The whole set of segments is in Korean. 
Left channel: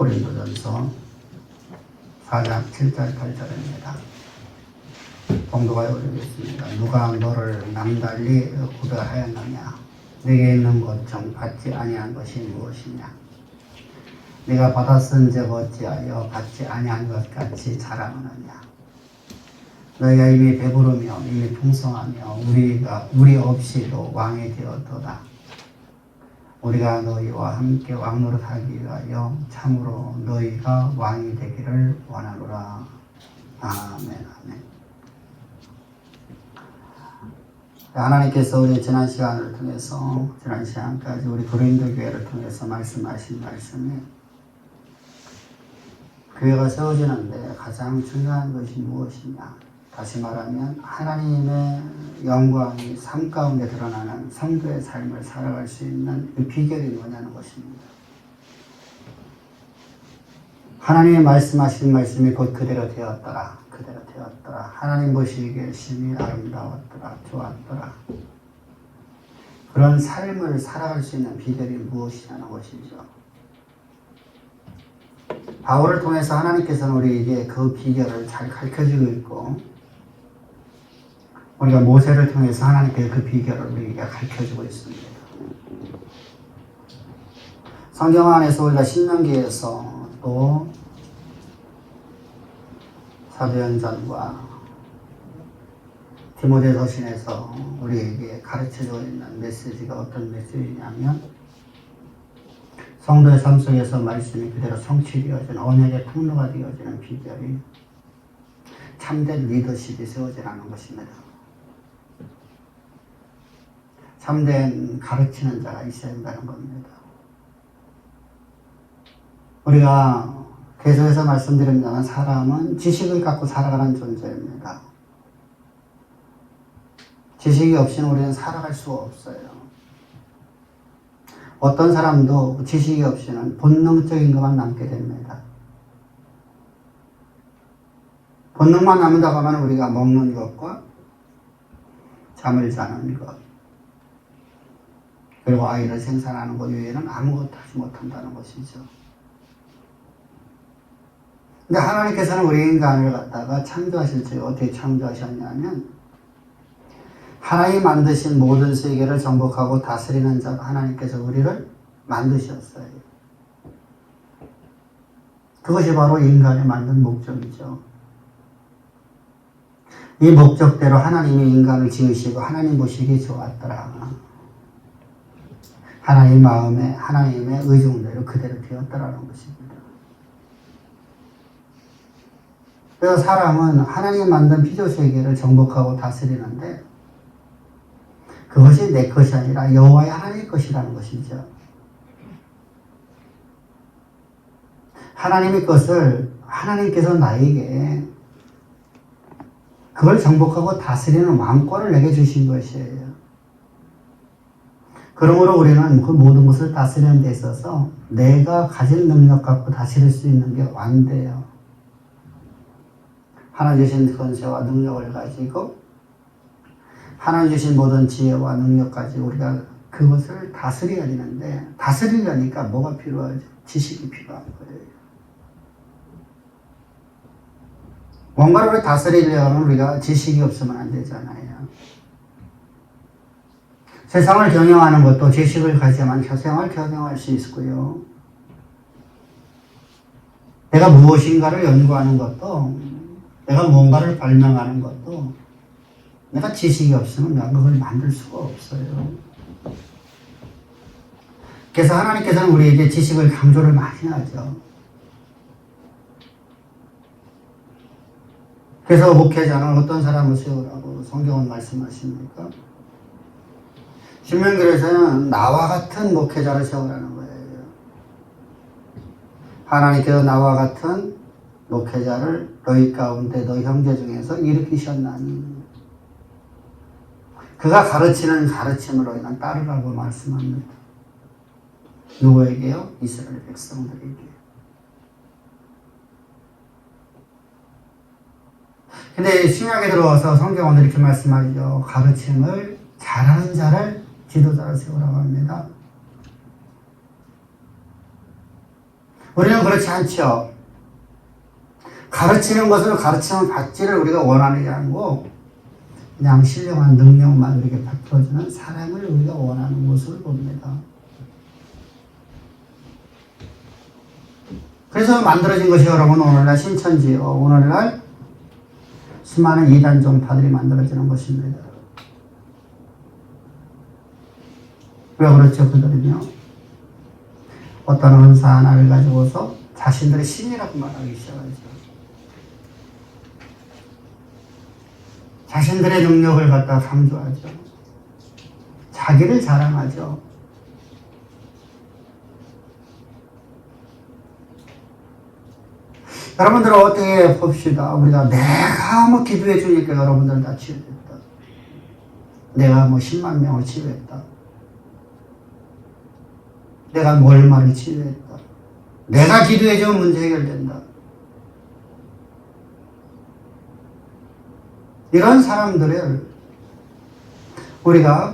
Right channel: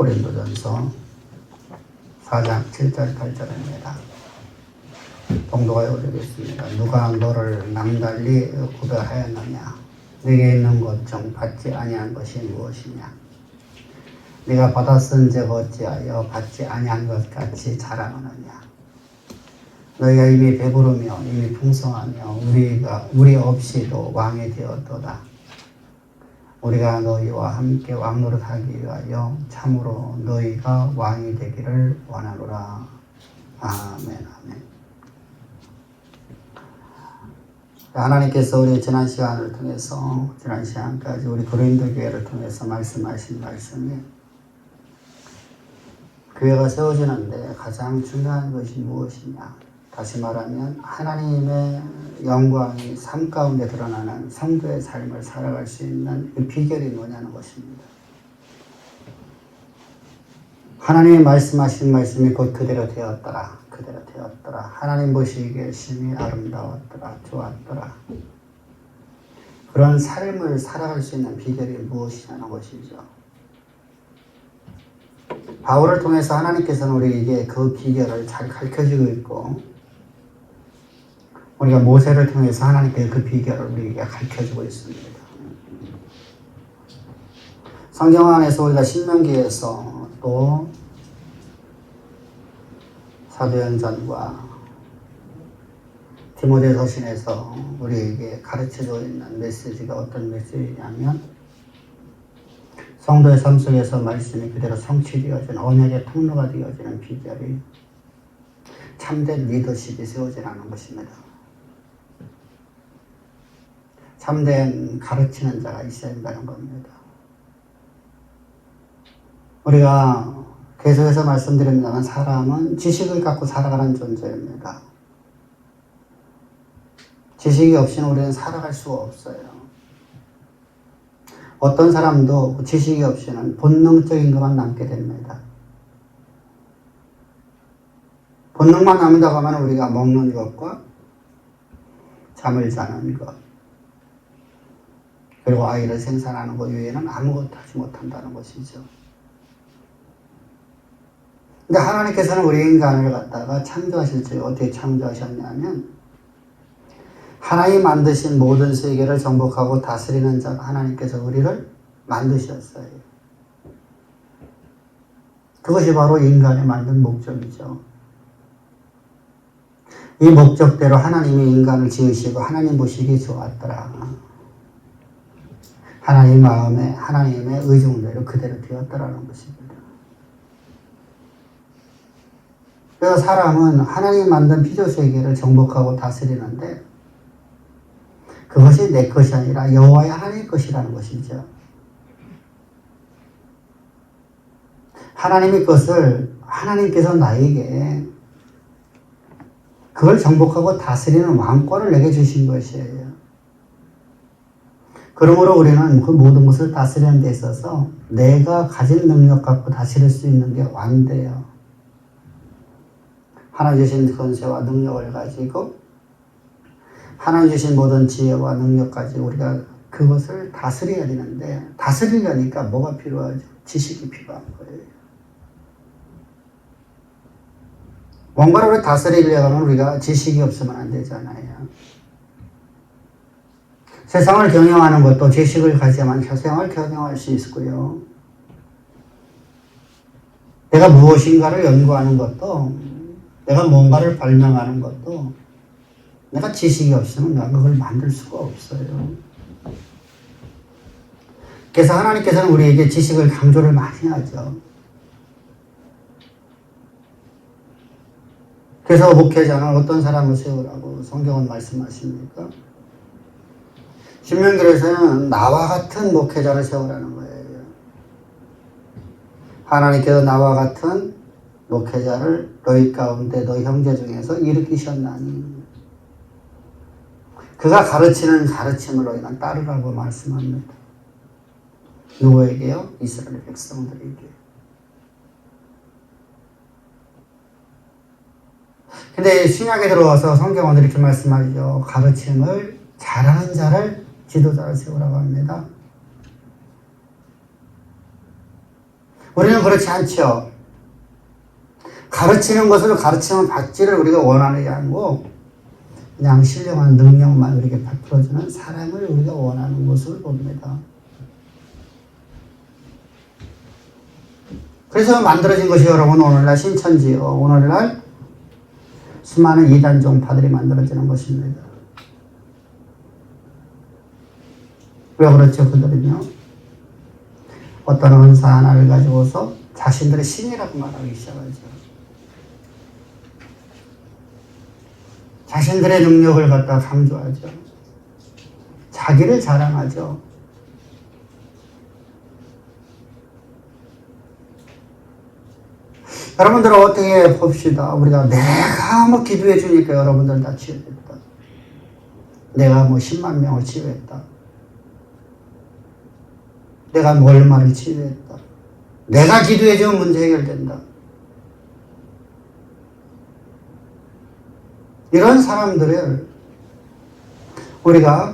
고린도전서 4장 7절 8절입니다. 공도가 올리겠습니다. 누가 너를 남달리 구별하였느냐? 네게 있는 것 중 받지 아니한 것이 무엇이냐? 네가 받았은즉 어찌하여 받지 아니한 것 같이 자랑하느냐? 너희가 이미 배부르며 이미 풍성하며 우리 없이도 왕이 되었도다. 우리가 너희와 함께 왕노릇하기 위하여 참으로 너희가 왕이 되기를 원하노라. 아멘. 아멘. 하나님께서 우리 지난 시간을 통해서 지난 시간까지 우리 고린도 교회를 통해서 말씀하신 말씀이 교회가 세워지는데 가장 중요한 것이 무엇이냐? 다시 말하면 하나님의 영광이 삶 가운데 드러나는 성도의 삶을 살아갈 수 있는 그 비결이 뭐냐는 것입니다. 하나님이 말씀하신 말씀이 곧 그대로 되었더라. 그대로 되었더라. 하나님 보시기에 심히 아름다웠더라. 좋았더라. 그런 삶을 살아갈 수 있는 비결이 무엇이냐는 것이죠. 바울을 통해서 하나님께서는 우리에게 그 비결을 잘 가르쳐주고 있고, 우리가 모세를 통해서 하나님께 그 비결을 우리에게 가르쳐주고 있습니다. 성경 안에서 우리가 신명기에서 또 사도행전과 디모데서신에서 우리에게 가르쳐주고 있는 메시지가 어떤 메시지냐면, 성도의 삶 속에서 말씀이 그대로 성취되어지는 언약의 통로가 되어지는 비결이 참된 리더십이 세워지라는 것입니다. 참된 가르치는 자가 있어야 된다는 겁니다. 우리가 계속해서 말씀드립니다만 사람은 지식을 갖고 살아가는 존재입니다. 지식이 없이는 우리는 살아갈 수가 없어요. 어떤 사람도 지식이 없이는 본능적인 것만 남게 됩니다. 본능만 남는다고 하면 우리가 먹는 것과 잠을 자는 것, 그리고 아이를 생산하는 것 외에는 아무것도 하지 못한다는 것이죠. 근데 하나님께서는 우리 인간을 갖다가 창조하실 때 어떻게 창조하셨냐면, 하나님 만드신 모든 세계를 정복하고 다스리는 자가 하나님께서 우리를 만드셨어요. 그것이 바로 인간을 만든 목적이죠. 이 목적대로 하나님이 인간을 지으시고 하나님 보시기 좋았더라. 하나님 마음에 하나님의 의중대로 그대로 되었더라는 것입니다. 그래서 사람은 하나님 만든 피조세계를 정복하고 다스리는데, 그것이 내 것이 아니라 여호와의 하나님 것이라는 것이죠. 하나님의 것을 하나님께서 나에게 그걸 정복하고 다스리는 왕권을 내게 주신 것이에요. 그러므로 우리는 그 모든 것을 다스리는 데 있어서 내가 가진 능력 갖고 다스릴 수 있는 게 완돼요. 하나님 주신 권세와 능력을 가지고 하나님 주신 모든 지혜와 능력까지 우리가 그것을 다스려야 되는데, 다스리려니까 뭐가 필요하죠? 지식이 필요한 거예요. 뭔가를 다스리려고 하면 우리가 지식이 없으면 안 되잖아요. 세상을 경영하는 것도 지식을 가지야만 세상을 경영할 수 있고요. 내가 무엇인가를 연구하는 것도, 내가 뭔가를 발명하는 것도 내가 지식이 없으면 내가 그걸 만들 수가 없어요. 그래서 하나님께서는 우리에게 지식을 강조를 많이 하죠. 그래서 목회자는 어떤 사람을 세우라고 성경은 말씀하십니까? 신명기에서는 나와 같은 목회자를 세우라는 거예요. 하나님께서 나와 같은 목회자를 너희 가운데 너희 형제 중에서 일으키셨나니, 그가 가르치는 가르침을 너희는 따르라고 말씀합니다. 누구에게요? 이스라엘 백성들에게. 근데 신약에 들어와서 성경은 이렇게 말씀하죠. 가르침을 잘하는 자를 지도자를 세우라고 합니다. 우리는 그렇지 않죠. 가르치는 것을 가르침을 받지를 우리가 원하는 게 아니고 그냥 신령한 능력만 우리에게 베풀어주는 사람을 우리가 원하는 것을 봅니다. 그래서 만들어진 것이 여러분 오늘날 신천지요. 오늘날 수많은 이단 종파들이 만들어지는 것입니다. 왜 그렇죠? 그들은요. 어떤 은사 하나를 가지고서 자신들의 신이라고 말하기 시작하죠. 자신들의 능력을 갖다 강조하죠. 자기를 자랑하죠. 여러분들은 어떻게 봅시다. 우리가 내가 뭐 기도해 주니까 여러분들 다 치유됐다. 내가 뭐 10만 명을 치유했다. 내가 뭐 얼마를 치유했다. 내가 기도해 주면 문제 해결된다. 이런 사람들을 우리가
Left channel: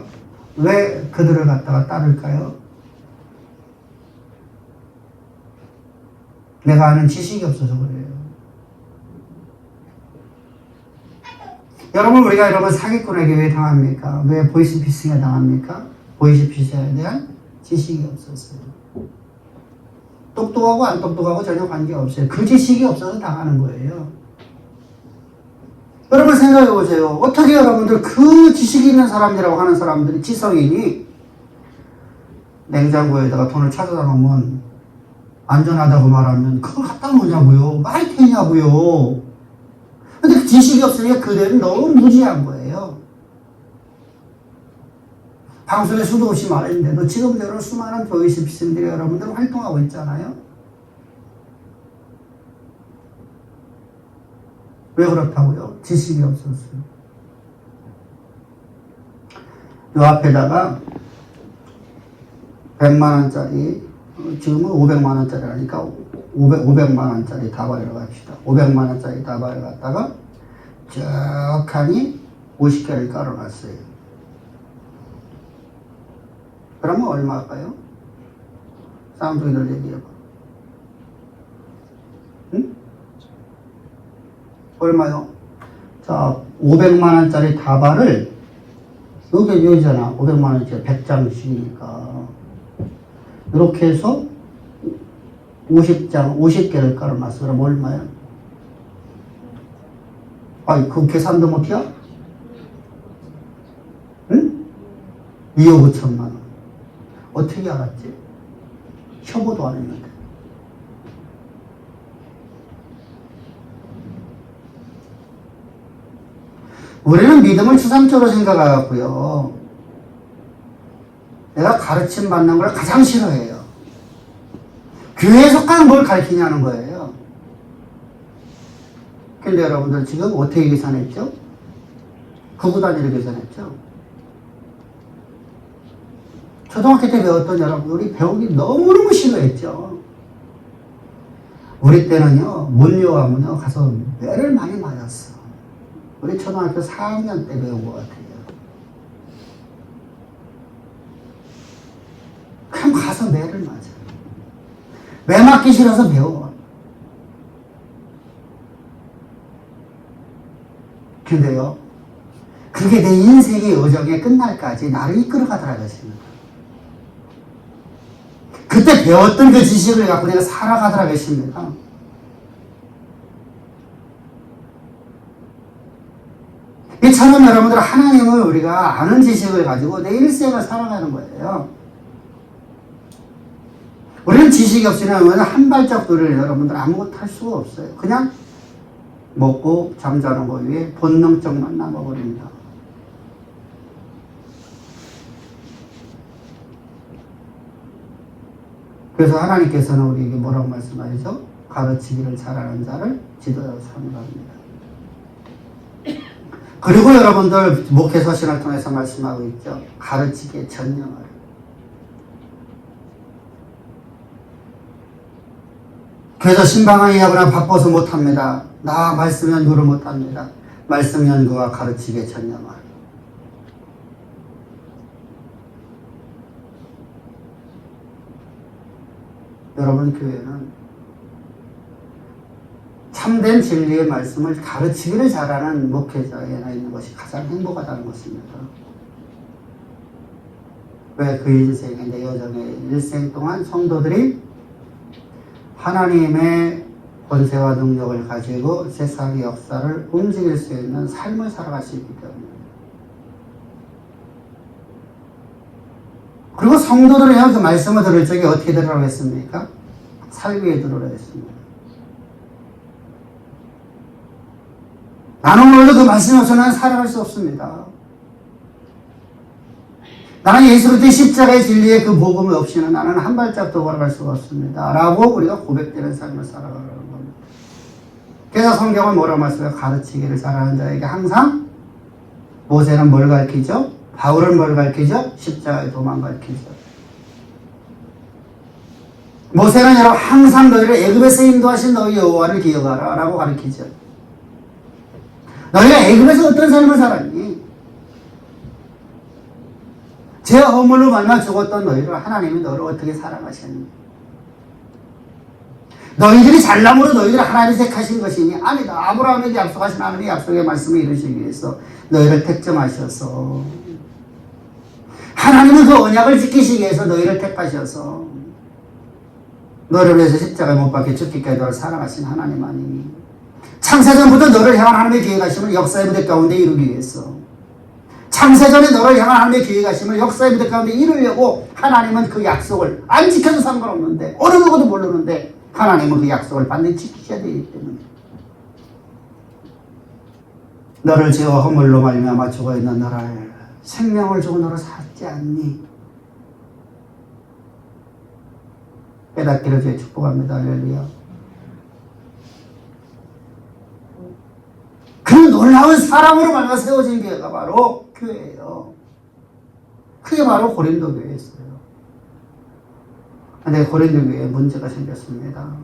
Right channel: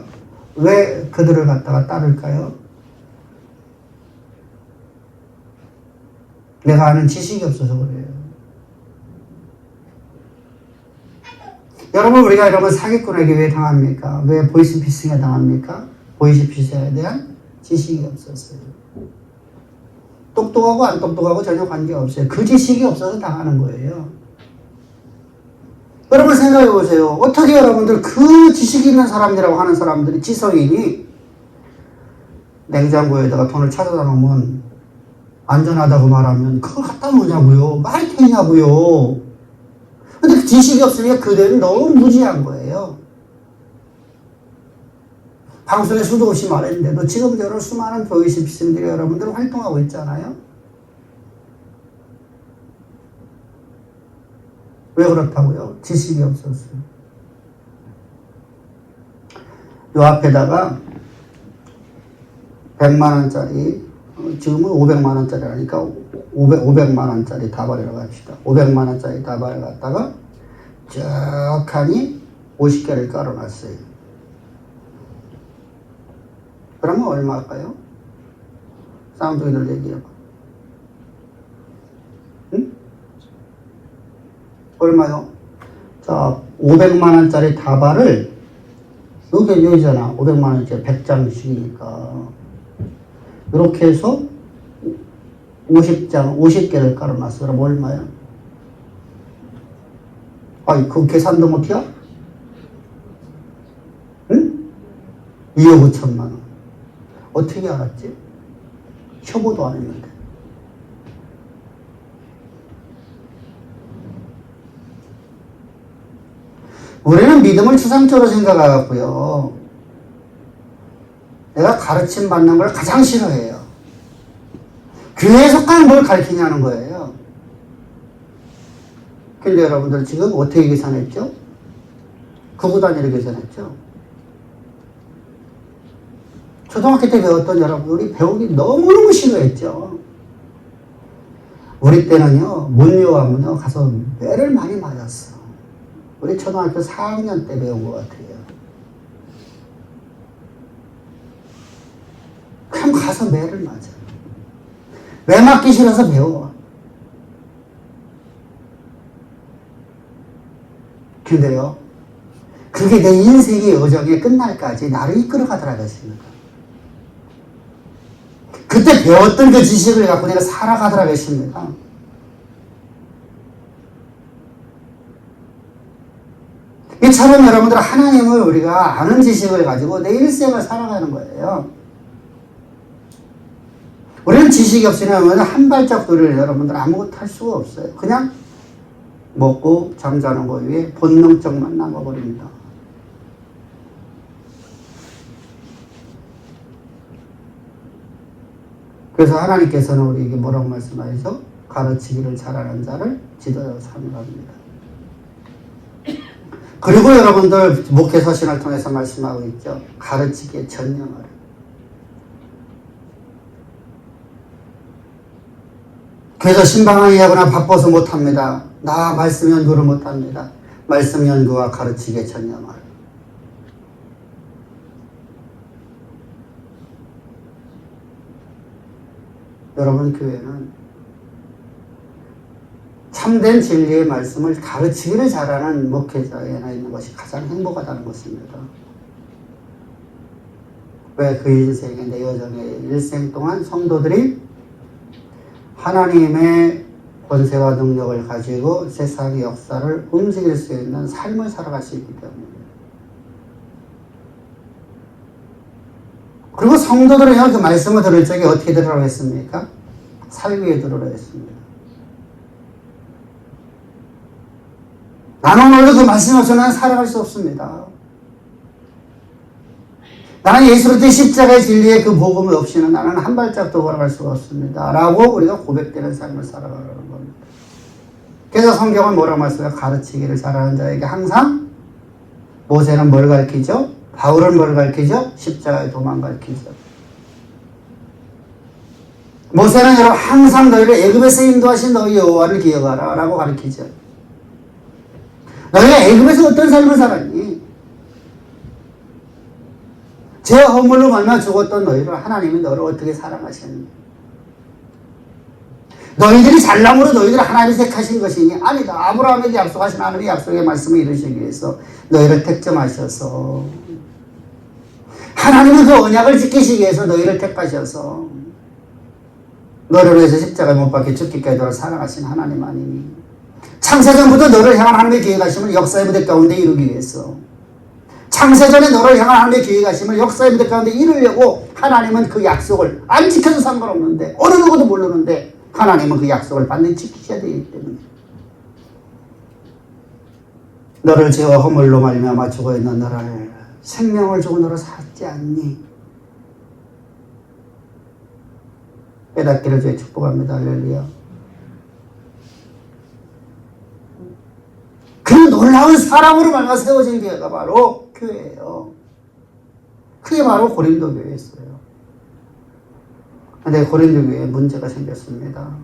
왜 그들을 갖다가 따를까요? 내가 아는 지식이 없어서 그래요. 여러분, 우리가 여러분 사기꾼에게 왜 당합니까? 왜 보이스피싱에 당합니까? 보이스피싱에 대한 지식이 없었어요. 똑똑하고 안 똑똑하고 전혀 관계없어요. 그 지식이 없어서 당하는 거예요. 여러분 생각해 보세요. 어떻게 여러분들 그 지식이 있는 사람들이라고 하는 사람들이 지성인이 냉장고에다가 돈을 찾아다 놓으면 안전하다고 말하면 그걸 갖다 놓냐고요. 말이 되냐고요. 근데 그 지식이 없으니까 그들은 너무 무지한 거예요. 방송에 수도 없이 말했는데도 지금대로 수많은 보이스피싱들이 여러분들 활동하고 있잖아요. 왜 그렇다고요? 지식이 없었어요. 요 앞에다가 100만원짜리, 지금은 500만원짜리라니까 500만원짜리 다발이라고 합시다. 500만원짜리 다발을 갖다가 쩍하니 50개를 깔아놨어요. 그러면 얼마일까요? 쌍둥이들 얘기해봐. 응? 얼마요? 자, 500만원짜리 다발을, 여기잖아. 500만원짜리 100장씩이니까. 이렇게 해서 50장, 50개를 깔아놨어. 그럼 얼마야? 아이, 그 계산도 못해야? 응? 2억 5천만원. 어떻게 알았지? 협오도 안 했는데. 우리는 믿음을 추상적으로 생각하고요. 내가 가르침 받는 걸 가장 싫어해요. 계속 뭘 가르치냐는 거예요. 근데 여러분들 지금 어떻게 계산했죠? 구구 단위로 계산했죠? 초등학교 때 배웠던 여러분들이 배우기 너무너무 싫어했죠. 우리 때는요, 문요하면요, 가서 매를 많이 맞았어. 우리 초등학교 4학년 때 배운 것 같아요. 그럼 가서 매를 맞아요. 매 맞기 싫어서 배워. 근데요, 그게 내 인생의 여정에 끝날까지 나를 이끌어가더라 것입니다. 그때 배웠던 그 지식을 갖고 내가 살아가더라 것입니다. 이처럼 여러분들 하나님을 우리가 아는 지식을 가지고 내 일생을 살아가는 거예요. 우리는 지식이 없으면 한 발짝도를 여러분들 아무것도 할 수가 없어요. 그냥 먹고 잠자는 거 위에 본능적만 남아버립니다. 그래서 하나님께서는 우리에게 뭐라고 말씀하셔서 가르치기를 잘하는 자를 지도자로 삼으라 합니다. 그리고 여러분들 목회서신을 통해서 말씀하고 있죠. 가르치기에 전념하라. 그래서 신방하게 하거나 바빠서 못합니다. 나 말씀 연구를 못합니다. 말씀 연구와 가르치기에 전념하라. 여러분 교회는 참된 진리의 말씀을 가르치기를 잘하는 목회자에나 있는 것이 가장 행복하다는 것입니다. 왜 그 인생의 내 여정의 일생 동안 성도들이 하나님의 권세와 능력을 가지고 세상의 역사를 움직일 수 있는 삶을 살아갈 수 있기 때문입니다. 그리고 성도들은 그 말씀을 들을 적에 어떻게 들으라고 했습니까? 살위에 들으라고 했습니다. 나는 오늘도 그 말씀 없이는 살아갈 수 없습니다. 나는 예수 그리스도의 십자가의 진리의 그 복음 없이는 나는 한 발짝도 걸어갈 수가 없습니다. 라고 우리가 고백되는 삶을 살아가는 겁니다. 그래서 성경은 뭐라고 말씀해요? 가르치기를 잘하는 자에게 항상 모세는 뭘 가르치죠? 바울은 뭘 가르치죠? 십자가의 도만 가르치죠. 모세는 여러분 항상 너희를 애굽에서 인도하신 너희 여호와를 기억하라 라고 가르치죠. 너희가 애굽에서 어떤 삶을 살았니? 제 허물로 말미암아 죽었던 너희를 하나님이 너를 어떻게 사랑하셨니? 너희들이 잘남으로 너희들을 하나님이 택하신 것이니? 아니다. 아브라함에게 약속하신 하나님의 약속의 말씀을 이루시기 위해서 너희를 택점하셔서 하나님은 그 언약을 지키시기 위해서 너희를 택하셔서 너를 위해서 십자가에 못 박혀 죽기까지 너를 사랑하신 하나님 아니니? 창세전부터 너를 향한 하나님의 계획하심을 역사의 무대 가운데 이루기 위해서 창세전에 너를 향한 하나님의 계획하심을 역사의 무대 가운데 이루려고 하나님은 그 약속을 안 지켜도 상관없는데 어느 누구도 모르는데 하나님은 그 약속을 반드시 지키셔야 되기 때문에 너를 죄와 허물로 말미암아 죽어있는 너를 생명을 주고 너를 살지 않니? 깨닫기를 주의 축복합니다. 할렐루야. 그 놀라운 사랑으로 말미암아 세워진 교회가 바로 교회예요. 그게 바로 고린도 교회였어요. 근데 고린도 교회에 문제가 생겼습니다.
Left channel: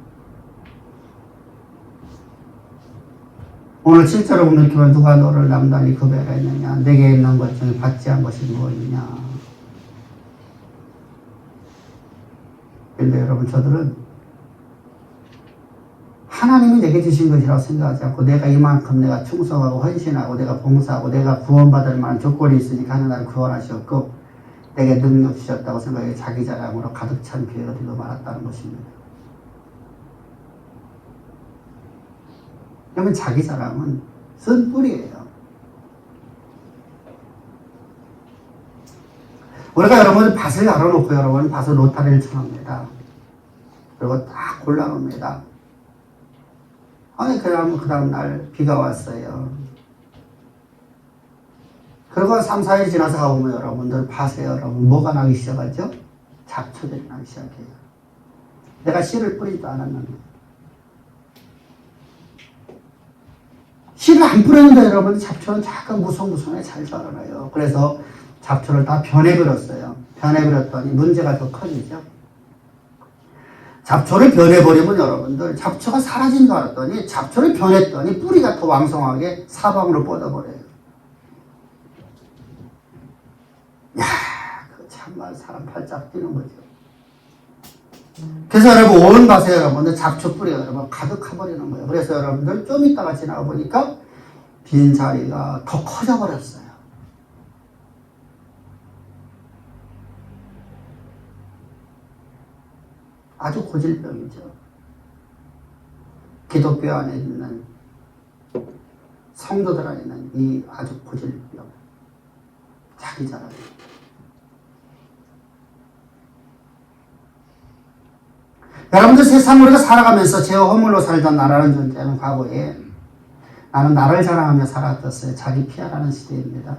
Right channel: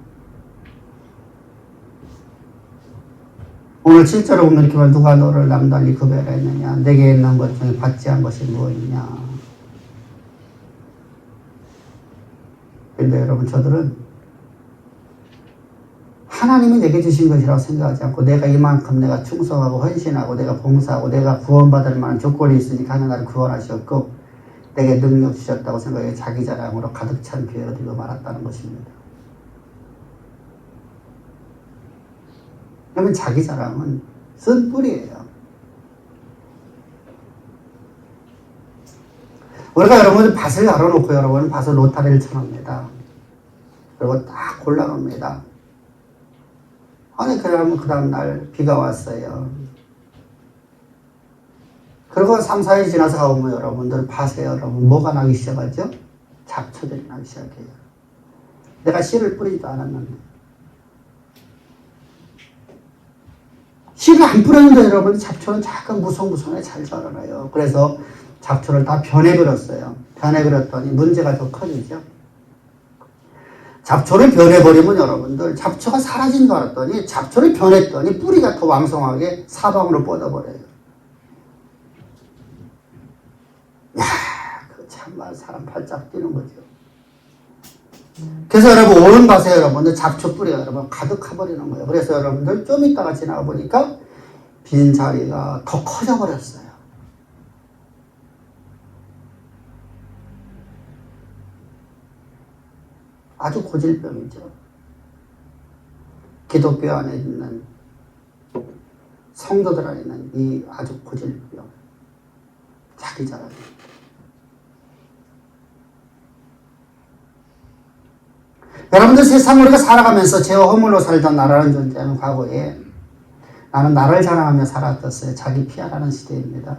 오늘 실제로 보면 누가 너를 남달리 구별했느냐? 내게 있는 것 중에 받지 않은 것이 무엇이냐? 근데 여러분 저들은 하나님이 내게 주신 것이라고 생각하지 않고 내가 이만큼 내가 충성하고 헌신하고 내가 봉사하고 내가 구원받을 만한 조건이 있으니까 하나님 나를 구원하셨고 내게 능력 주셨다고 생각해 자기 자랑으로 가득 찬 교회가 되고 말았다는 것입니다. 그러면 자기 자랑은 쓴 뿌리예요. 우리가 여러분 밭을 열어놓고 여러분 밭을 로타리를 쳐납니다. 그리고 딱 골라갑니다. 아니 그러면 그 다음날 비가 왔어요. 그리고 3, 4일 지나서 가보면 여러분들 밭에 여러분 뭐가 나기 시작하죠? 잡초들이 나기 시작해요. 내가 씨를 뿌리지도 않았는데 씨를 안 뿌렸는데 여러분 잡초는 약간 무성무성하게 잘 자라나요. 그래서 잡초를 다 변해버렸어요. 변해버렸더니 문제가 더 커지죠. 잡초를 변해버리면 여러분들 잡초가 사라진 줄 알았더니 잡초를 변했더니 뿌리가 더 왕성하게 사방으로 뻗어버려요. 야, 그 참말 사람 발짝 뛰는 거죠. 그래서 여러분 온 밭에 여러분들 잡초 뿌리가 여러분 가득해버리는 거예요. 그래서 여러분들 좀 있다가 지나가 보니까 빈 자리가 더 커져버렸어요. 아주 고질병이죠. 기독교 안에 있는 성도들 안에 있는 이 아주 고질병. 자기 자랑. 여러분들 세상을 우리가 살아가면서 죄와 허물로 살던 나라는 존재하는 과거에 나는 나를 자랑하며 살았었어요. 자기 피하라는 시대입니다.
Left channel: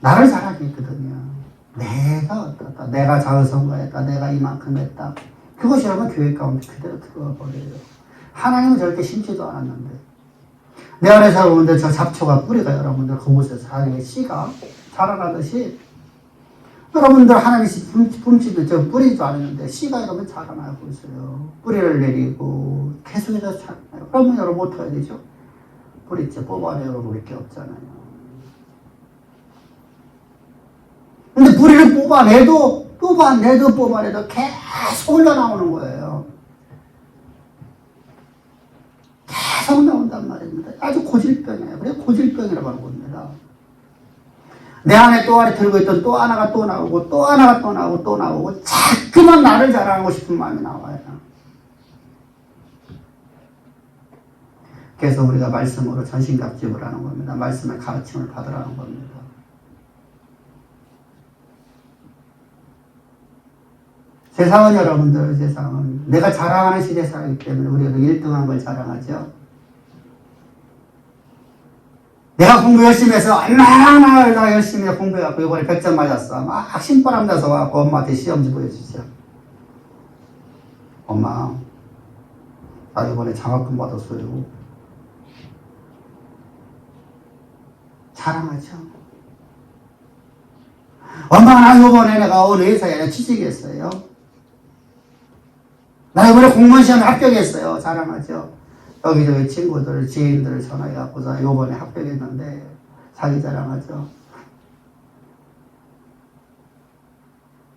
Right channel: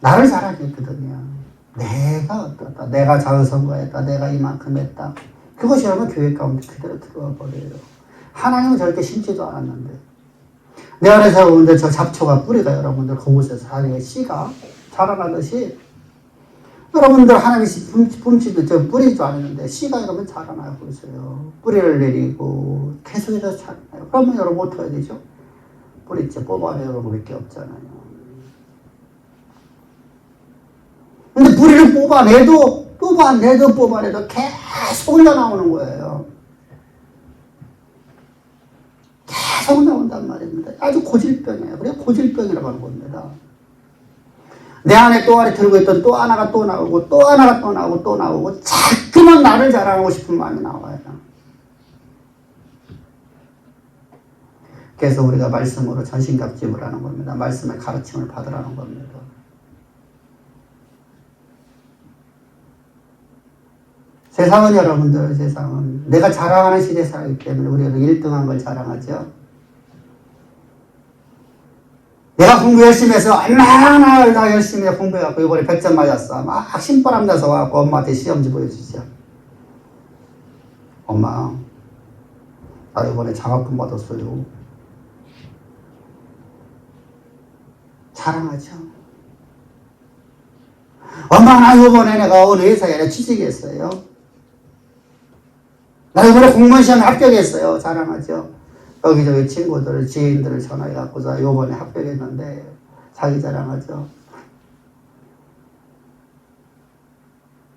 나를 자랑했거든요. 내가 어떻다. 내가 장성과했다. 내가 이만큼 했다. 그것이 여러분 교회 가운데 그대로 들어와 버려요. 하나님은 절대 심지도 않았는데 내 안에서 여러분들 저 잡초가 뿌리가 여러분들 그곳에서 사이에 씨가 자라나듯이 여러분들 하나님 품치도 저 뿌리도 않았는데 씨가 여러분 자라나고 있어요. 뿌리를 내리고 계속해서 자라나요. 그러면 여러분 어떻게 해야 되죠? 뿌리째 뽑아내요. 여러분 볼 게 없잖아요. 근데 뿌리를 뽑아내도 계속 흘러나오는 거예요. 계속 나온단 말입니다. 아주 고질병이에요. 그래서 고질병이라고 하는 겁니다. 내 안에 또아리 들고 있던 또 하나가 또 나오고 또 하나가 또 나오고 또 나오고 자꾸만 나를 자랑하고 싶은 마음이 나와요. 그래서 우리가 말씀으로 전신갑주를 하는 겁니다. 말씀의 가르침을 받으라는 겁니다. 세상은 여러분들, 세상은 내가 자랑하는 시대에 살기 때문에 우리가 1등한 걸 자랑하죠. 내가 공부 열심히 해서 얼마나 열심히 공부해갖고 이번에 100점 맞았어. 막 신바람 나서 와서 엄마한테 시험지 보여주죠. 엄마, 나 이번에 장학금 받았어요. 자랑하죠. 엄마, 나 이번에 내가 어느 회사에 취직했어요. 나 이번에 공무원 시험 합격했어요. 자랑하죠. 여기저기 친구들, 지인들을 전화해갖고서 이번에 합격했는데 자기 자랑하죠.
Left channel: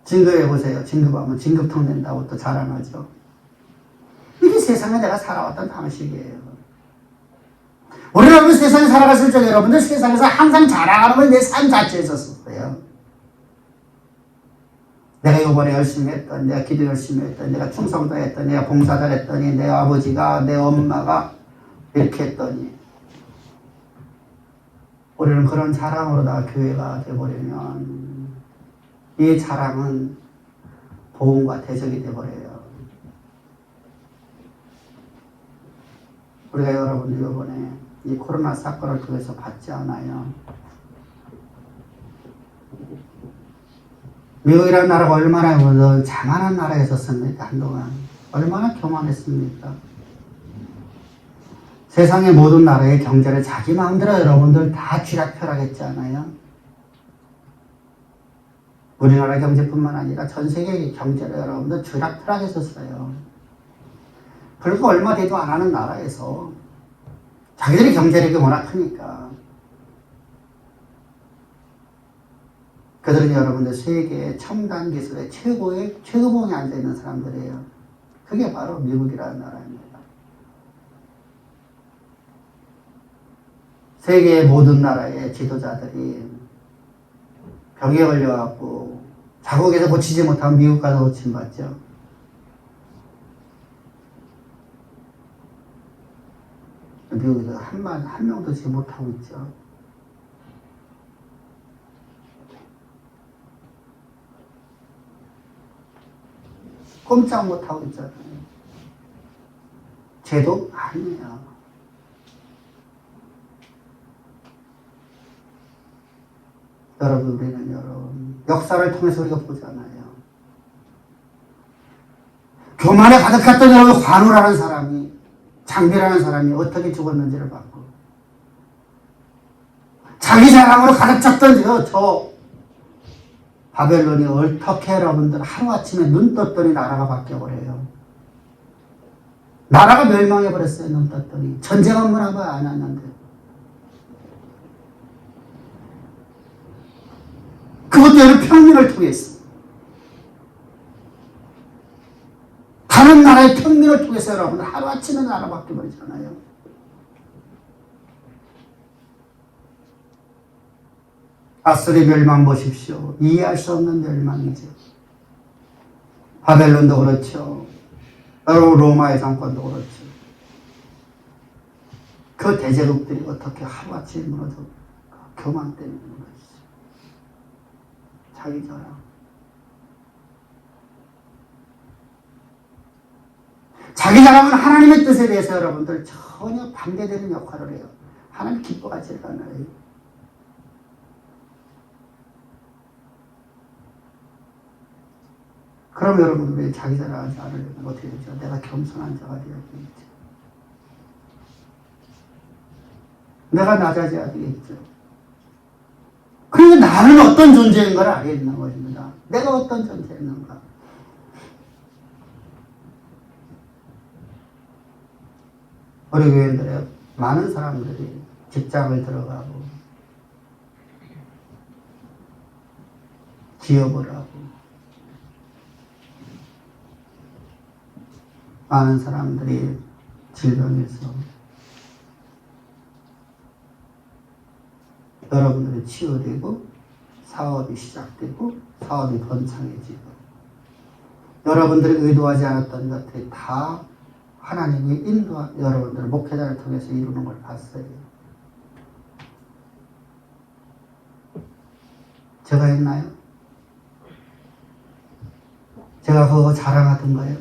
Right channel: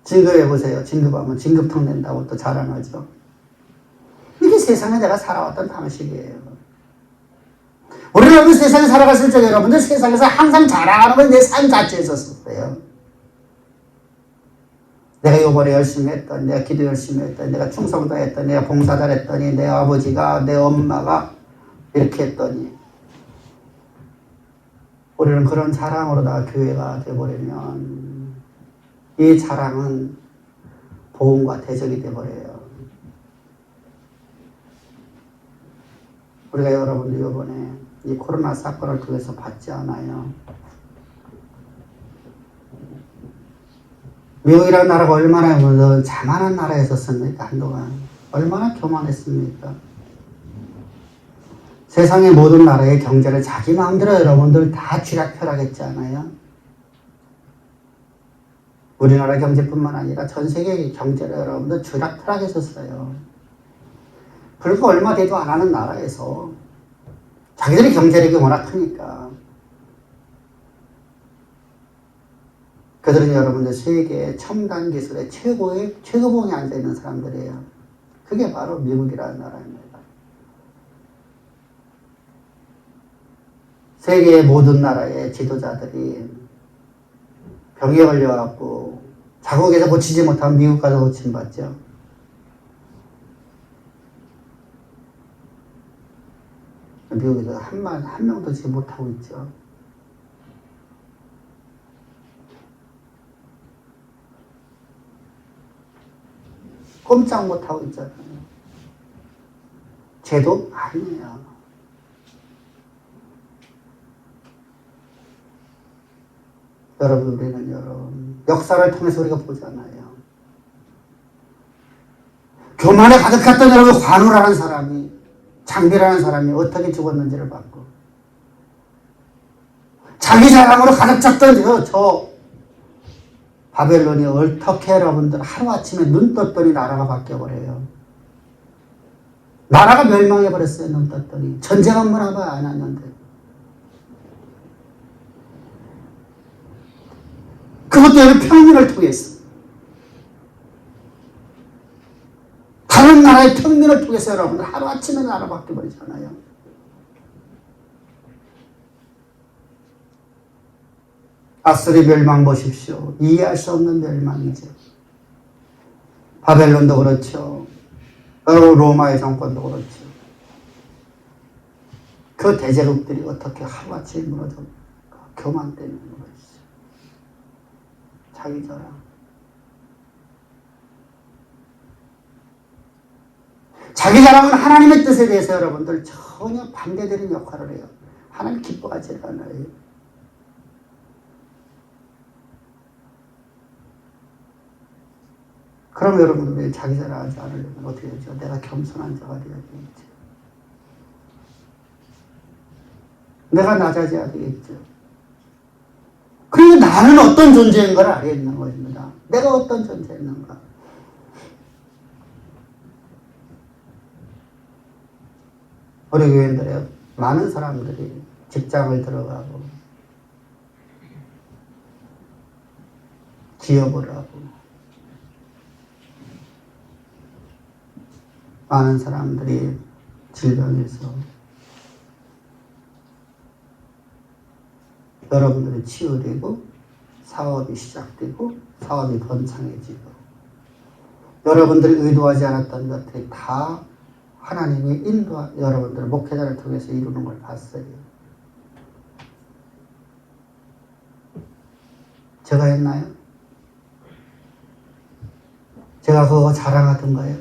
진급해보세요. 진급하면 진급통 된다고 또 자랑하죠. 이게 세상에 내가 살아왔던 방식이에요. 우리가 여기 세상에 살아갔을 때 여러분들 세상에서 항상 자랑하는 건 내 삶 자체에 있었을 거예요. 내가 이번에 열심히 했더니, 내가 기도 열심히 했더니, 내가 충성도 했더니, 내가 봉사 잘했더니, 내 아버지가, 내 엄마가 이렇게 했더니, 우리는 그런 자랑으로 다 교회가 되어버리면 이 자랑은 보응과 대적이 되어버려요. 우리가 여러분들 이번에 이 코로나 사건을 통해서 받지 않아요. 미국이라는 나라가 얼마나 자만한 나라였었습니까? 한동안 얼마나 교만했습니까? 세상의 모든 나라의 경제를 자기 마음대로 여러분들 다 쥐락펴락했잖아요. 우리나라 경제뿐만 아니라 전 세계 경제를 여러분들 쥐락펴락했었어요. 불과 얼마 되도 안 하는 나라에서 자기들이 경제력이 워낙 크니까 그들은 여러분들 세계 첨단 기술의 최고봉에 앉아있는 사람들이에요. 그게 바로 미국이라는 나라입니다. 세계의 모든 나라의 지도자들이 병에 걸려갖고 자국에서 고치지 못하면 미국 가서 고침받죠. 미국에서 한 명도 지금 못하고 있죠. 꼼짝 못하고 있잖아요. 죄도 아니에요. 여러분, 우리는 여러분 역사를 통해서 우리가 보잖아요. 교만에 가득했던 여러분 관우라는 사람이, 장비라는 사람이 어떻게 죽었는지를 봤고, 자기 자랑으로 가득 찼던 저 바벨론이 어떻게 여러분들 하루아침에 눈 떴더니 나라가 바뀌어버려요. 나라가 멸망해버렸어요. 눈 떴더니. 전쟁 한 번 하고 안 했는데. 그것도 여러분 평민을 통해서. 다른 나라의 평민을 통해서 여러분들 하루아침에 나라가 바뀌어버리잖아요. 아수리 멸망 보십시오. 이해할 수 없는 멸망이죠. 바벨론도 그렇죠. 로마의 정권도 그렇죠. 그 대제국들이 어떻게 하루아침에 무너져? 교만 때문에 무너지죠. 자기 자랑. 자기 자랑은 하나님의 뜻에 대해서 여러분들 전혀 반대되는 역할을 해요. 하나님 기뻐하지 않아요. 그럼 여러분 왜 자기 자랑하지 않으려면 어떻게 되죠? 내가 겸손한 자가 되어야 되겠지. 내가 낮아져야 되겠죠. 그러니까 나는 어떤 존재인가를 알아야 되는 것입니다. 내가 어떤 존재였는가. 우리 교회들의 많은 사람들이 직장을 들어가고 기업을 하고 많은 사람들이 질병에서 여러분들은 치유되고 사업이 시작되고 사업이 번창해지고 여러분들이 의도하지 않았던 것들이 다 하나님이 여러분들 목회자를 통해서 이루는 걸 봤어요. 제가 했나요? 제가 그거 자랑하던가요?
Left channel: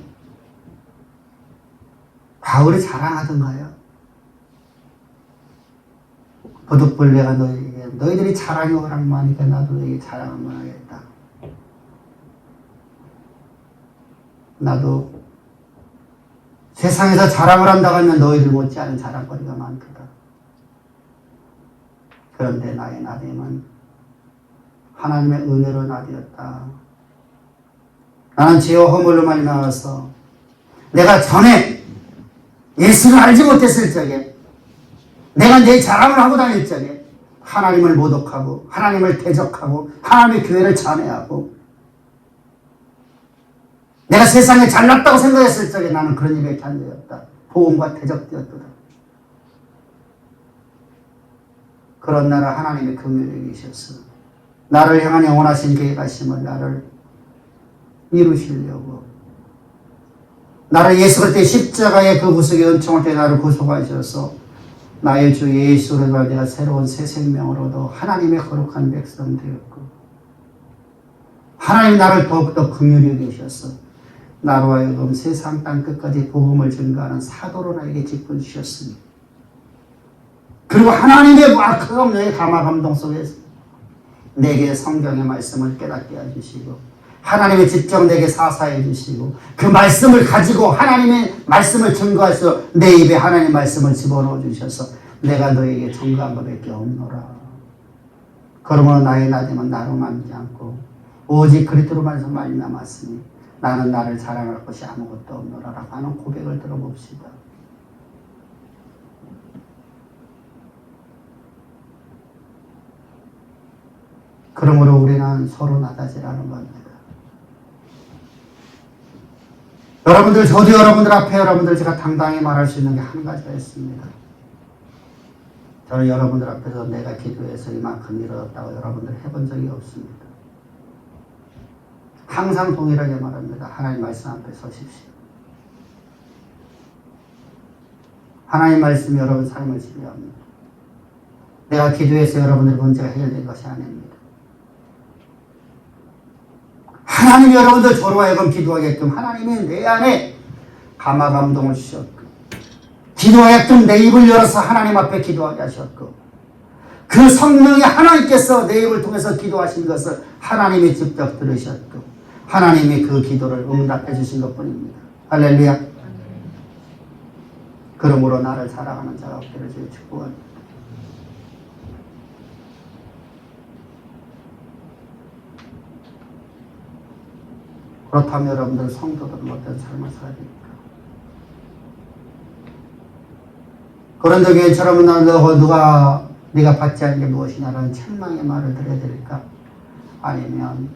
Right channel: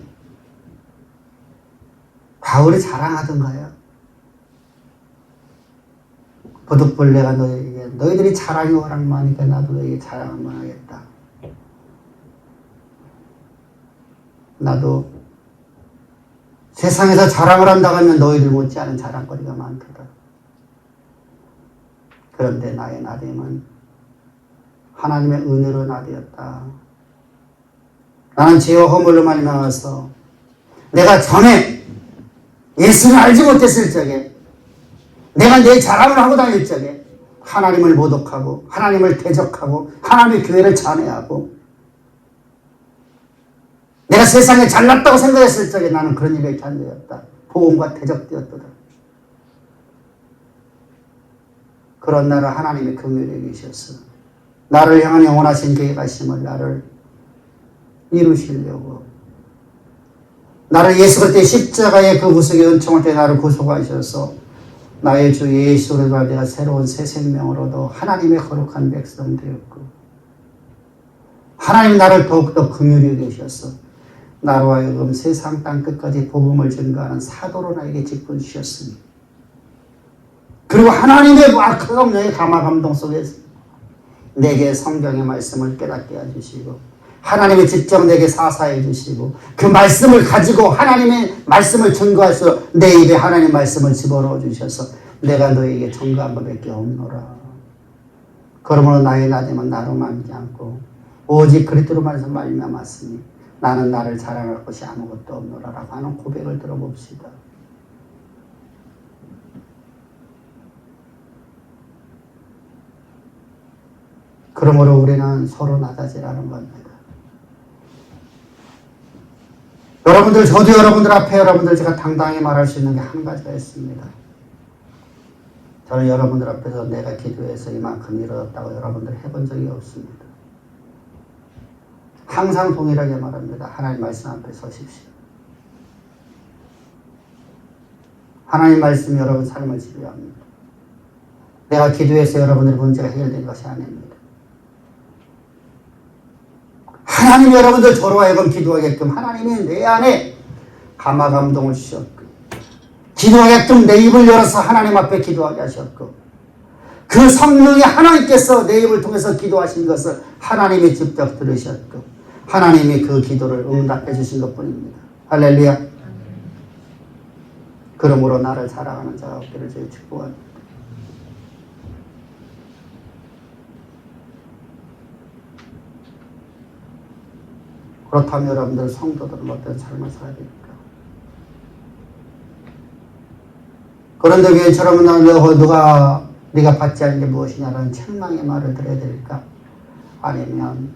바울이 자랑하던가요? 부득불내가 너희들이 자랑이 워낙 많으니까 나도 너희에게 자랑을 하겠다. 나도 세상에서 자랑을 한다고 하면 너희들 못지않은 자랑거리가 많거든. 그런데 나의 나됨은 하나님의 은혜로 나되었다. 나는 죄와 허물로 많이 나와서 내가 전에 예수를 알지 못했을 적에 내가 내 자랑을 하고 다닐 적에 하나님을 모독하고 하나님을 대적하고 하나님의 교회를 잔해하고 내가 세상에 잘났다고 생각했을 적에 나는 그런 일에 단죄였다. 보험과 대적되었거든. 그런 나를 하나님의 긍휼에 계셨어. 나를 향한 영원하신 계획하심을 나를 이루시려고 나를 예수 그리스도의 십자가의 그 구속의 은총을 통해 나를 구속하셔서 나의 주 예수를 말 내가 새로운 새 생명으로도 하나님의 거룩한 백성 되었고 하나님 나를 더욱더 긍휼히 여기셨어. 나로 하여금 세상 땅끝까지 복음을 전가하는 사도로 나에게 직분 주셨으니 그리고 하나님의 악한 명의 감화 감동 속에서 내게 성경의 말씀을 깨닫게 해주시고 하나님의 직접 내게 사사해 주시고 그 말씀을 가지고 하나님의 말씀을 증거해서 내 입에 하나님의 말씀을 집어넣어 주셔서 내가 너에게 증거한 것밖에 없노라. 그러므로 나의 나됨은 나로 남지 않고 오직 그리스도로 말미암았으니 나는 나를 자랑할 것이 아무것도 없노라 라고 하는 고백을 들어봅시다. 그러므로 우리는 서로 나다지라는 겁니다. 여러분들, 저도 여러분들 앞에 여러분들 제가 당당히 말할 수 있는 게 한 가지가 있습니다. 저는 여러분들 앞에서 내가 기도해서 이만큼 이루었다고 여러분들 해본 적이 없습니다. 항상 동일하게 말합니다. 하나님 말씀 앞에 서십시오. 하나님 말씀이 여러분 삶을 지배합니다. 내가 기도해서 여러분들의 문제가 해결된 것이 아닙니다. 하나님이 여러분들 저로 하여금 기도하게끔 하나님이 내 안에 감화 감동을 주셨고 기도하게끔 내 입을 열어서 하나님 앞에 기도하게 하셨고 그 성령이 하나님께서 내 입을 통해서 기도하신 것을 하나님이 직접 들으셨고 하나님이 그 기도를 응답해 주신 것뿐입니다. 할렐루야. 그러므로 나를 사랑하는 자가 없기를 주여 축복합니다. 그렇다면 여러분들 성도들은 어떤 삶을 살아야 됩니까? 그런데 왜 저러면 네가 받지 않은 게 무엇이냐라는 책망의 말을 드려야 될까? 아니면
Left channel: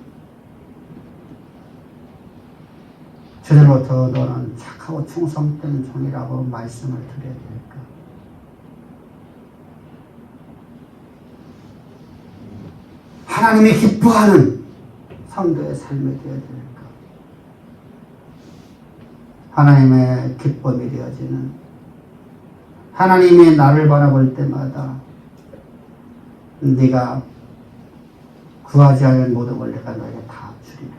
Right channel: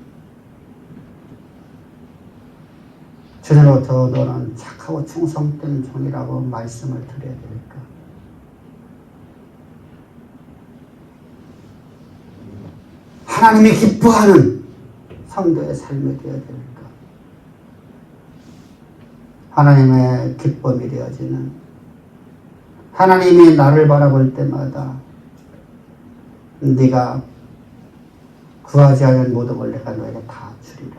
주님으로부터 너는 착하고 충성된 종이라고 말씀을 드려야 될까? 하나님이 기뻐하는 성도의 삶이 되어야 될까? 하나님의 기쁨이 되어지는 하나님이 나를 바라볼 때마다 네가 구하지 않은 모든 걸 내가 너에게 다 주리라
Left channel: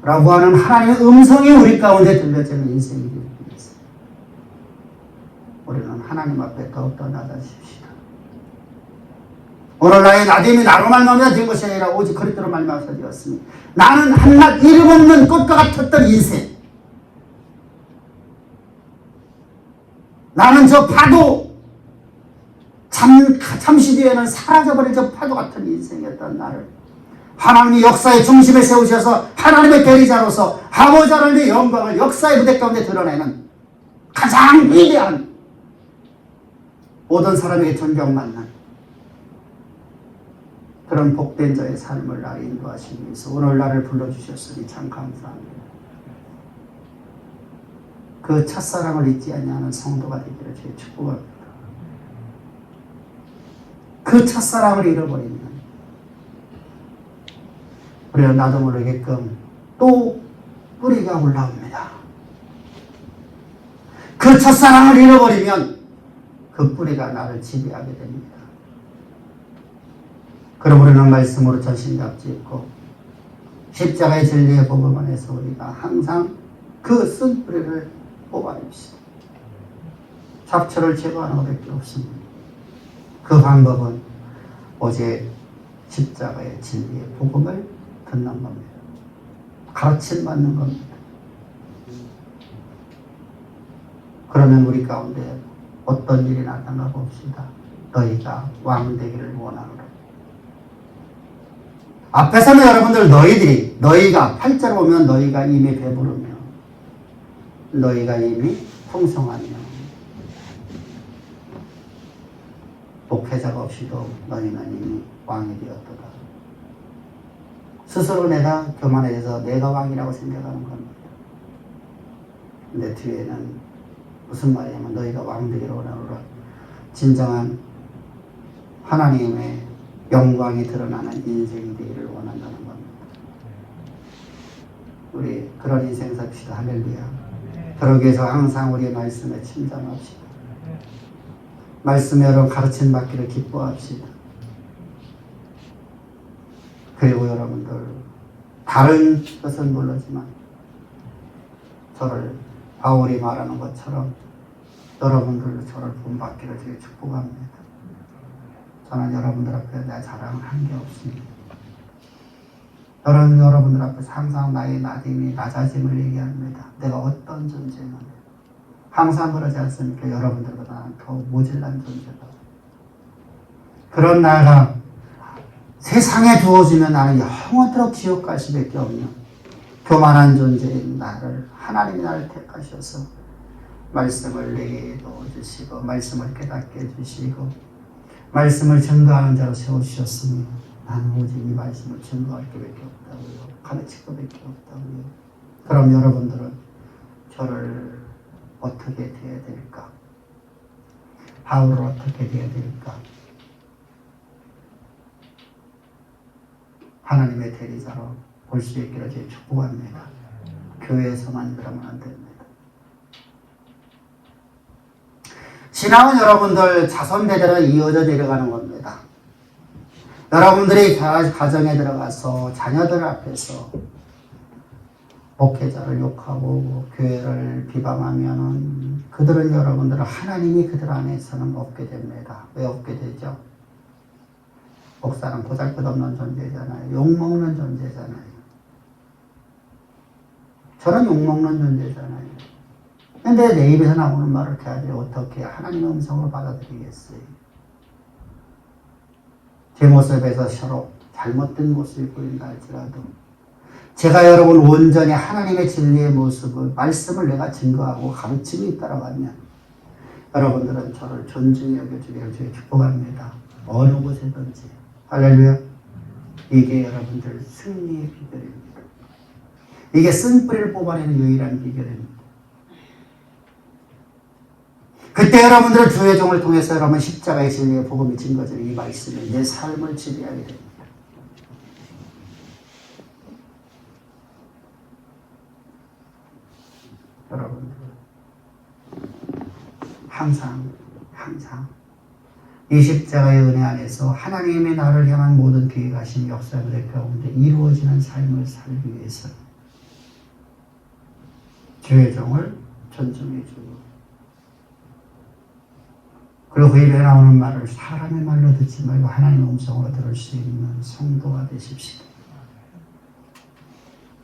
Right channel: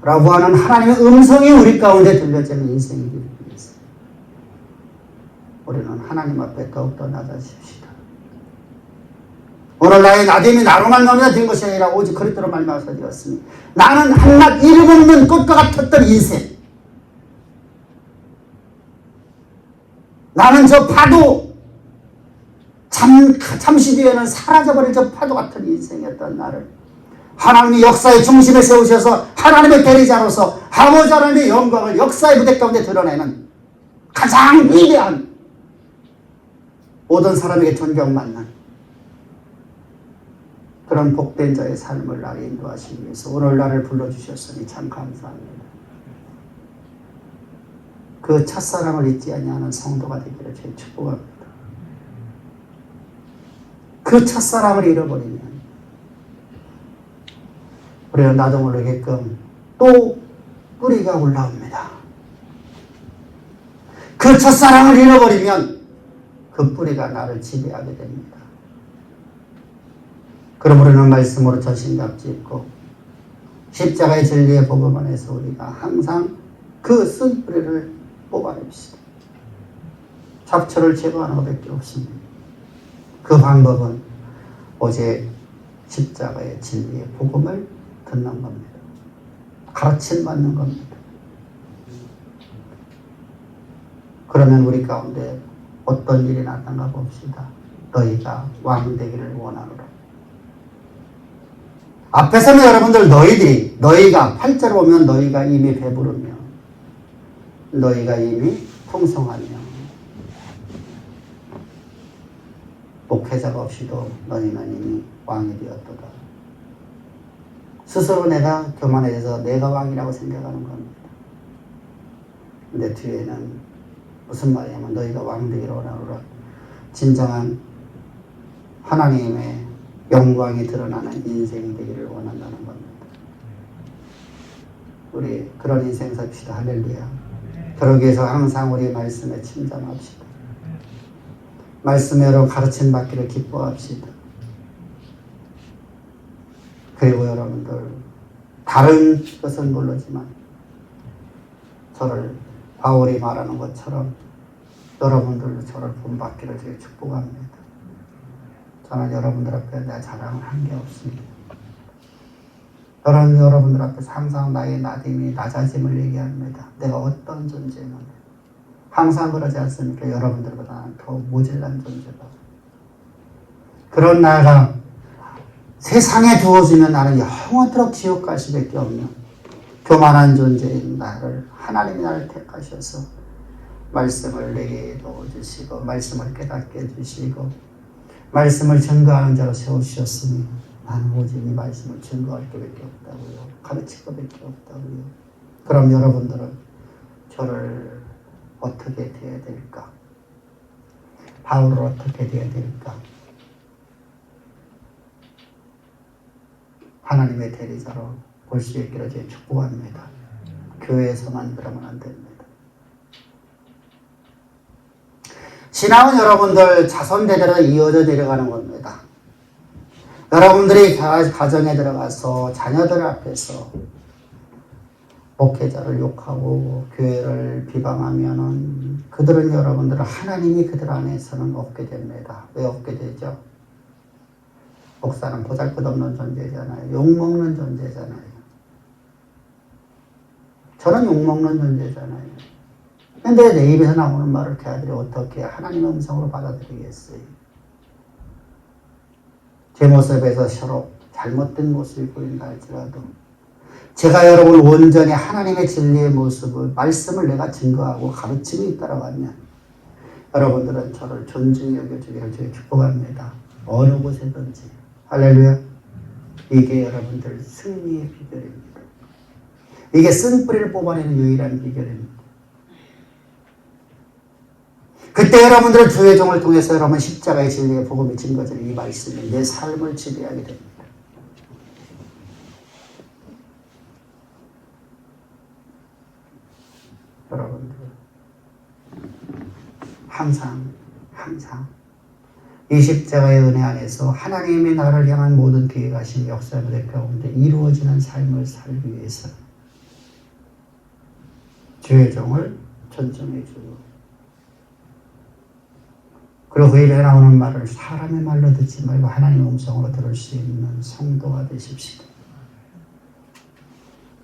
라고 하는 하나님의 음성이 우리 가운데 들려지는 인생이 되기 위해서 우리는 하나님 앞에 더욱더 낮아집시다. 오늘 나의 나됨이 나로 말미암아 된 것이 아니라 오직 그리스도로 말미암아 되었으니 나는 한낱 이름 없는 꽃과 같았던 인생, 나는 저 파도 잠시 뒤에는 사라져버릴 저 파도 같은 인생이었던 나를 하나님이 역사의 중심에 세우셔서 하나님의 대리자로서 아버지 하나님의 영광을 역사의 무대 가운데 드러내는 가장 위대한 모든 사람에게 존경받는 그런 복된 자의 삶을 나를 인도하시기 위해서 오늘 나를 불러주셨으니 참 감사합니다. 그 첫사랑을 잊지 아니하는 성도가 되기를 제 축복합니다. 그 첫사랑을 잃어버리면 우리는 나도 모르게끔 또 뿌리가 올라옵니다. 그 첫사랑을 잃어버리면 그 뿌리가 나를 지배하게 됩니다. 그러므로는 말씀으로 전신갑짓고 십자가의 진리의 복음 안에서 우리가 항상 그 쓴뿌리를 뽑아냅시다. 잡초를 제거하는 것밖에 없습니다. 그 방법은 오직 십자가의 진리의 복음을 듣는 겁니다. 가르침 받는 겁니다. 그러면 우리 가운데 어떤 일이 나타나 봅시다. 너희가 왕 되기를 원하노라. 앞에서는 여러분들 너희가 8절 보면 너희가 이미 배부르며 너희가 이미 풍성하며 목회자가 없이도 너희는 이미 왕이 되었도다. 스스로 내가 교만해져서 내가 왕이라고 생각하는 겁니다. 근데 뒤에는 무슨 말이냐면 너희가 왕 되기를 원하노라. 진정한 하나님의 영광이 드러나는 인생이 되기를 원한다는 겁니다. 우리 그런 인생 삽시다. 할렐루야. 그러기 위해서 항상 우리 말씀에 침잠합시다. 말씀으로 가르침 받기를 기뻐합시다. 그리고 여러분들 다른 것은 모르지만 저를 바울이 말하는 것처럼 여러분들도 저를 본받기를 되게 축복합니다. 저는 여러분들 앞에 내 자랑을 한 게 없습니다. 저는 여러분들 앞에서 항상 나의 나됨이 낮아짐을 얘기합니다. 내가 어떤 존재인지 항상 그러지 않습니까? 여러분들보다 나는 더 모질란 존재다. 그런 나가 세상에 두어지면 나는 영원토록 지옥 갈 수밖에 없는 교만한 존재인 나를 하나님이 나를 택하셔서 말씀을 내게 넣어주시고 말씀을 깨닫게 해주시고 말씀을 증거하는 자로 세워주셨으니 나는 오직 이 말씀을 증거할 게밖에 없다고요. 가르칠 것밖에 없다고요. 그럼 여러분들은 저를 어떻게 돼야 될까? 바울을 어떻게 돼야 될까? 하나님의 대리자로 볼 수 있기를 제 축복합니다. 교회에서만 그러면 안 됩니다. 신앙은 여러분들 자손대대로 이어져 내려가는 겁니다. 여러분들이 가정에 들어가서 자녀들 앞에서 목회자를 욕하고 교회를 비방하면 그들은 여러분들은 하나님이 그들 안에서는 없게 됩니다. 왜 없게 되죠? 목사는 보잘것없는 존재잖아요. 욕먹는 존재잖아요. 저는 욕먹는 존재잖아요. 근데 내 입에서 나오는 말을 그 아들이 어떻게 하나님의 음성으로 받아들이겠어요? 제 모습에서 서로 잘못된 모습이 보인다 할지라도 제가 여러분 온전히 하나님의 진리의 모습을 말씀을 내가 증거하고 가르치고 있다라면 여러분들은 저를 존중히 여겨주기를 주의 축복합니다. 어느 곳에든지 할렐루야. 이게 여러분들 승리의 비결입니다. 이게 쓴뿌리를 뽑아내는 유일한 비결입니다. 그때 여러분들은 주의 종을 통해서 여러분 십자가의 진리의 복음이 증거지는 이 말씀이 내 삶을 지배하게 됩니다. 여러분들 항상 이 십자가의 은혜 안에서 하나님의 나를 향한 모든 계획하신 역사들의 가운데 이루어지는 삶을 살기 위해서 주의 종을 존중해주고 그리고 그 입에 나오는 말을 사람의 말로 듣지 말고 하나님의 음성으로 들을 수 있는 성도가 되십시오.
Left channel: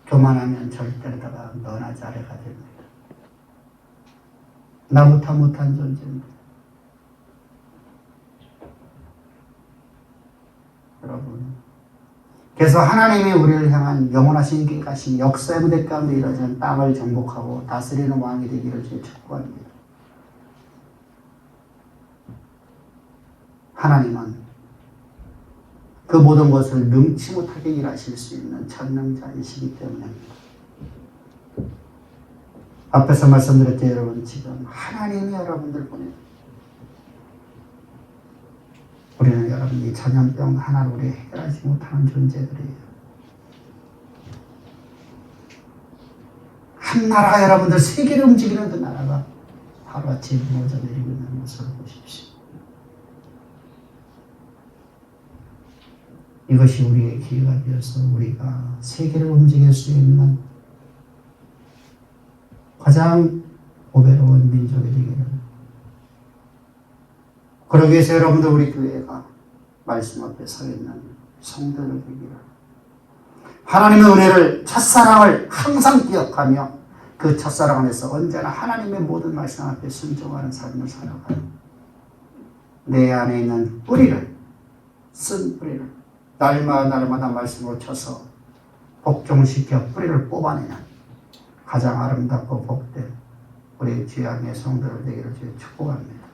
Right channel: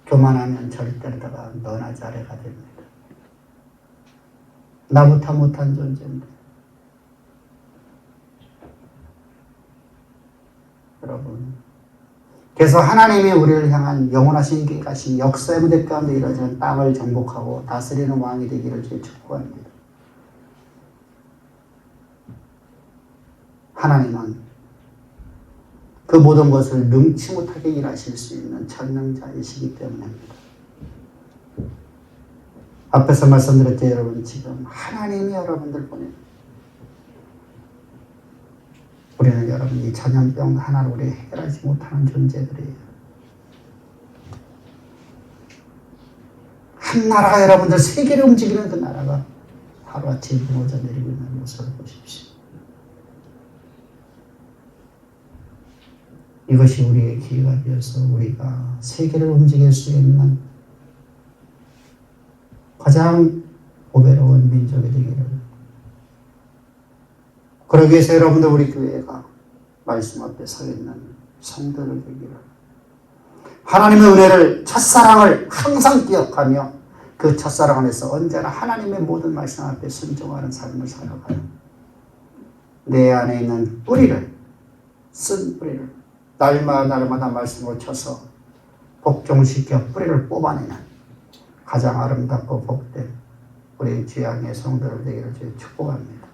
교만하면 절대로 너나 잘해가 됩니다. 나부터 못한 존재입니다. 여러분, 그래서 하나님이 우리를 향한 영원하신 계획하신 역사의 무대 가운데 이루어지는 땅을 정복하고 다스리는 왕이 되기를 주의 축복합니다. 하나님은 그 모든 것을 능치 못하게 일하실 수 있는 전능자이시기 때문입니다. 앞에서 말씀드렸죠. 여러분 지금 하나님이 여러분들 보내 우리는 여러분 이 전염병 하나를 우리 해결하지 못하는 존재들이에요. 한 나라가 여러분들 세계를 움직이는 그 나라가 하루아침에 무너져 내리고 있는 것을 보십시오. 이것이 우리의 기회가 되어서 우리가 세계를 움직일 수 있는 가장 보배로운 민족이 되기를. 그러기 위해서 여러분들 우리 교회가 말씀 앞에 서 있는 성도들 되기를. 하나님의 은혜를, 첫사랑을 항상 기억하며 그 첫사랑 안에서 언제나 하나님의 모든 말씀 앞에 순종하는 삶을 살아가요. 내 안에 있는 뿌리를, 쓴 뿌리를 날마다 말씀을 쳐서 복종시켜 뿌리를 뽑아내는 가장 아름답고 복된 우리 주의 성도들 되기를 축복합니다.